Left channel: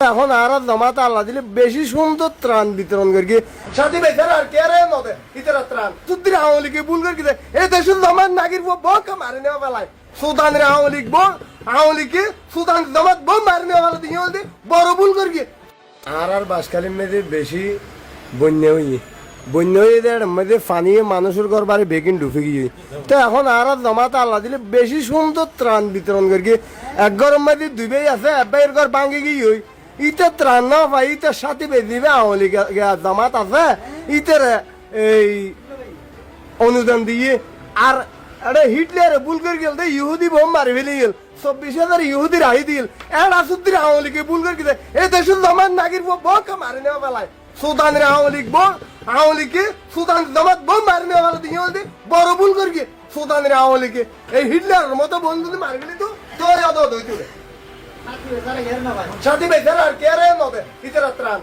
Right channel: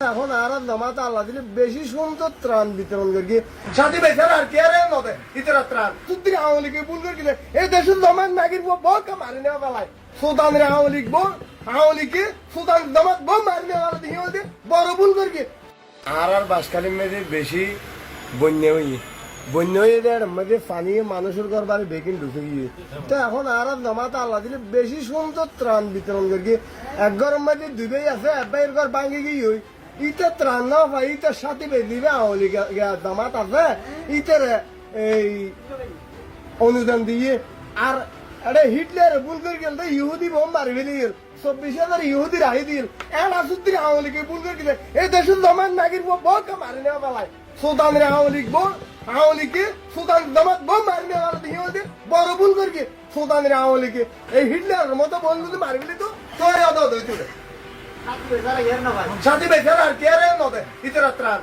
এখন আর জমাত আল্লাহ দিলে বেশি সুন্দর ত্রাণ বিতরণ করি সাথী বেচার আর কে রে নদে ইতরা ত্রাণ তুদ্দির আওয়ালিকে ভুল করি এই দেশের জমাত নাগির বক মারি নেওয়া বেলায় সুদানের আওয়ালিক আওয়ালিকে সুদান জমাত বম মারি নেওয়া বেলা দিয়ে বড় ভুল করি আর বাসকালীন মেয়েদের বেশি বন্যা হয়ে মধ্যে পানি মানুষের ঘর বাড়ি বেগিন ঢুকে গিয়ে তো এখন আর জমাত আল্লাহ দিলে বেশি সুন্দর ত্রাণ বিতরণ করি এক গরম মধ্যে দুবেই আছে একবার ঘর ভাঙে গিয়ে ইতে ত্রাণ না পাই ইতে সাথে বেদিবে আওয়ালি জমাত আছে ইতের এই অনুদান দিয়ে আর আরে হিটলার ভুল করে গেল ইহুদি বোম মারি ফেলে গেল 24,000 ইহুদি রাহি দিল এরা সুদ্দির আওয়ালিকে ভুল করে গেছে এই দেশের জমান নাগির বক মারি নেওয়া বেলায় সুদানের আওয়ালিকে সুদান জমাত বোম মারি নেওয়া বেলা দিয়ে বড় ভুল করি সুদানের আওয়ালিকে এই হিটলারের মতো বন্ধু মারি ফেলি তো তোর সাথী বেচার আর কে রে নদে ইতরা ত্রাণ